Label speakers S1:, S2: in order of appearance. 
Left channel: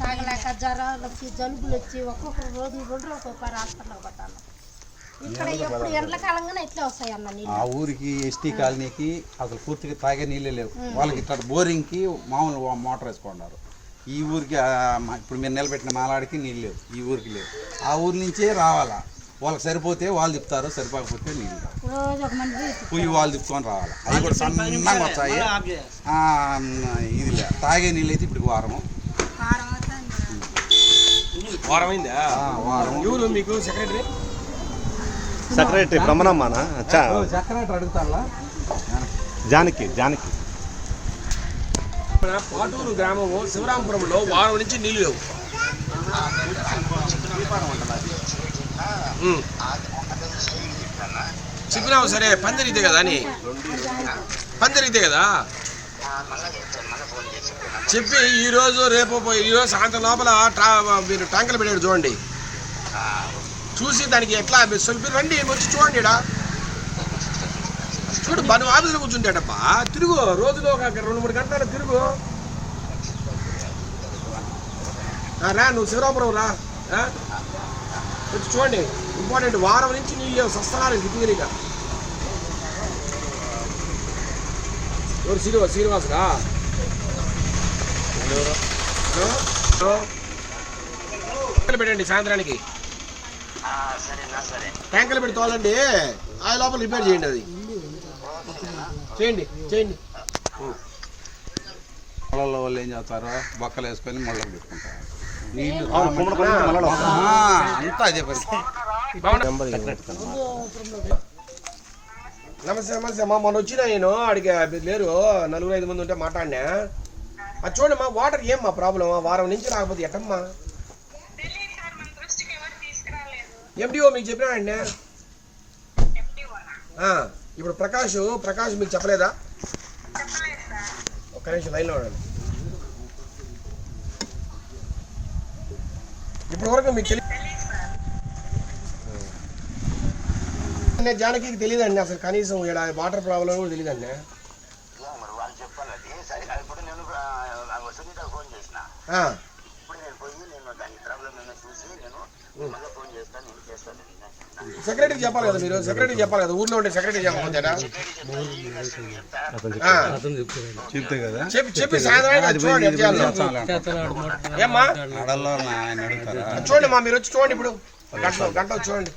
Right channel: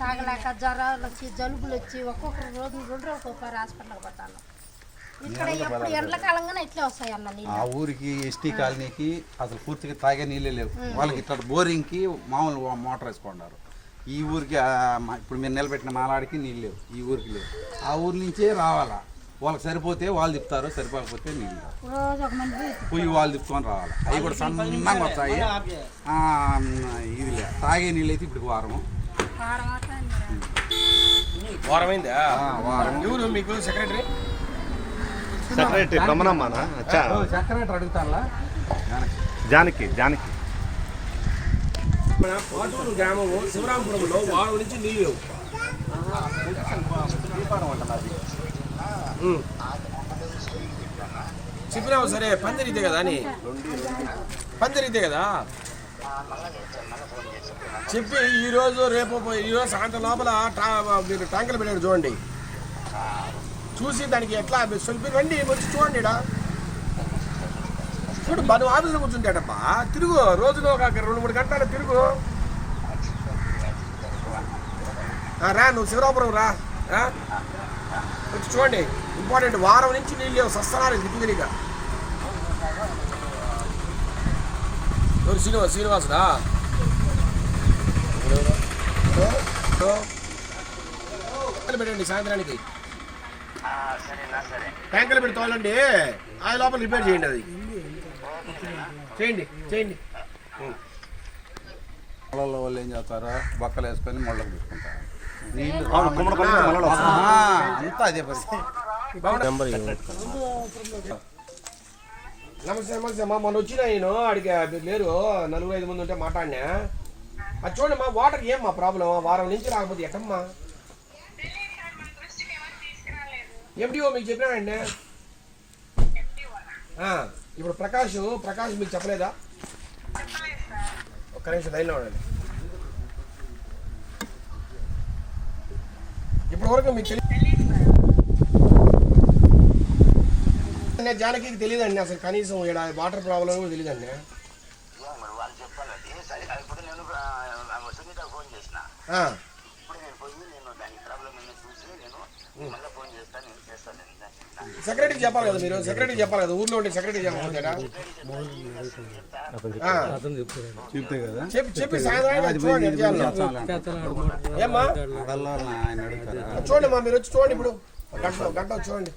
S1: తాగలేక జ్వరాలు వచ్చి జలుబులు వచ్చి ఒక్కొక్కరు రోజు రెండు రోజులు ఒక్కొక్కరు హాస్పిటల్కి పోతాను. ఇక్కడ ఎప్పుడు ఎండాకాలంగానే ఇట్లే వస్తాయి అన్న నీళ్ళు.
S2: ఆ ఊరికి ఎస్టీ కాలనీకి అసలు పూర్తిగా తాగే నీళ్ళే లేవు. వాళ్ళకి ఇట్లా బోరింగ్కి మామూలు మోటార్ వేసుకున్నారు. ఈ ఊరికి ఇప్పుడు మీరు నిలబెట్టిన మాలాడికి నీళ్ళు లేవు. ఈ ఊరికి లేవు. ఆ ఊరి నుంచే రావాలా? వాళ్ళకి సరిపోతే వాళ్ళు తిప్పుతారు సరిపోకపోతే నీళ్ళు పుయ్యి వాళ్ళు తిప్పుకొని రావాలి. అవి కూడా సన్నగా వస్తాయి. ఆ, ఇది. తాగే నీళ్ళు అయితే ఇప్పుడు వారము.
S3: వారమైందా
S2: ఆ, వారం.
S3: ఎవరు మీకు సెక్రటరీ?
S4: సెక్రటరీ బ్రహ్మణమ్మనా అచ్చా.
S2: చక్కర అడుగుతారా
S4: జానకి. జానకి
S3: మన పాటూరు గ్రామము శివరాంపురంలో వారం నుంచి నీళ్ళు లేవు. చెప్పినావు సరే పందిరితే కదా అని. పందిరితే కదా? చెప్పి ఈరోజు రేపు ఈరోజు సాయంత్రం లోపల మీరు ట్యాంకులు పెట్టారు చూడండి. చూసి దానికి ఎట్లా సొలిపి రండి వచ్చి చూడండి చూడు బను ఆఫీసులో కూర్చుంటాడబ్బా తిరుగు రోజులో ఒక రెండు మూడు గంటలు తిరుగు. రా నువ్వు శివరాపురం రా. వచ్చి చూడండి. ఇంపార్టెంట్ వారం నుంచి నీళ్ళు లేవు. సస్తనాలు దిగుదిరిగా ఎవరు శ్రీనివాస్ శ్రీనివాసుడా పెట్టండి సాయంత్రానికి. ట్యాంకులు పెట్టి తోలండి. ఆ లోపల రిపేర్ చేయండి అది. చేయండి చేయండి.
S2: పొలాల్లో వాళ్ళు ఏం చేస్తారు బొక్కలు వేసుకొని ముళ్ళకు పెట్టుకుంటారు. అంతా అదే పరిస్థితి.
S3: నమస్తే నమస్తే అమ్మా మొన్న వచ్చిన నేను అడిగి మీరు లేరు నలుగురు ఐదు మంది ఉంటే మాట్లాడినా. అది చూడండి మా వాటర్ ఏం మా ప్రాబ్లం వారం నుంచి రాకపోతే ఎట్టమ్మా? ఎండిఓ మీకు చెప్పినాడండి ఆ, ఇప్పుడు ప్రకాష్ ప్రకాష్ మీకు చెప్పలేదా? ఒక్క నిమిషం లైన్లో ఉండండి. ఇప్పటి వరకు మీకు తెలియదు జానకి తెలియదండి అసలు కనీసం ఈడ వాటర్ ప్రాబ్లం కూడా తెలియదండి
S5: సరే ఇప్పుడు నేను ఫోన్ చేసిన.
S3: సెక్రటరీకి చెప్పాలి కదా మీరు? సెక్రటరీకి చెప్పాలి కదా? ఊర్లో ఉండే సెక్రటరీ చెప్పకపోతేనా ఆ,
S2: చెప్తే కదా?
S3: చెప్పి చెప్పి సాయంత్రానికి అది చూడండి ఎట్లా. ఏమ్మా? మా మీరు వచ్చి చూడండి ఇప్పుడు. ఒక గంట గంట వచ్చి చూడండి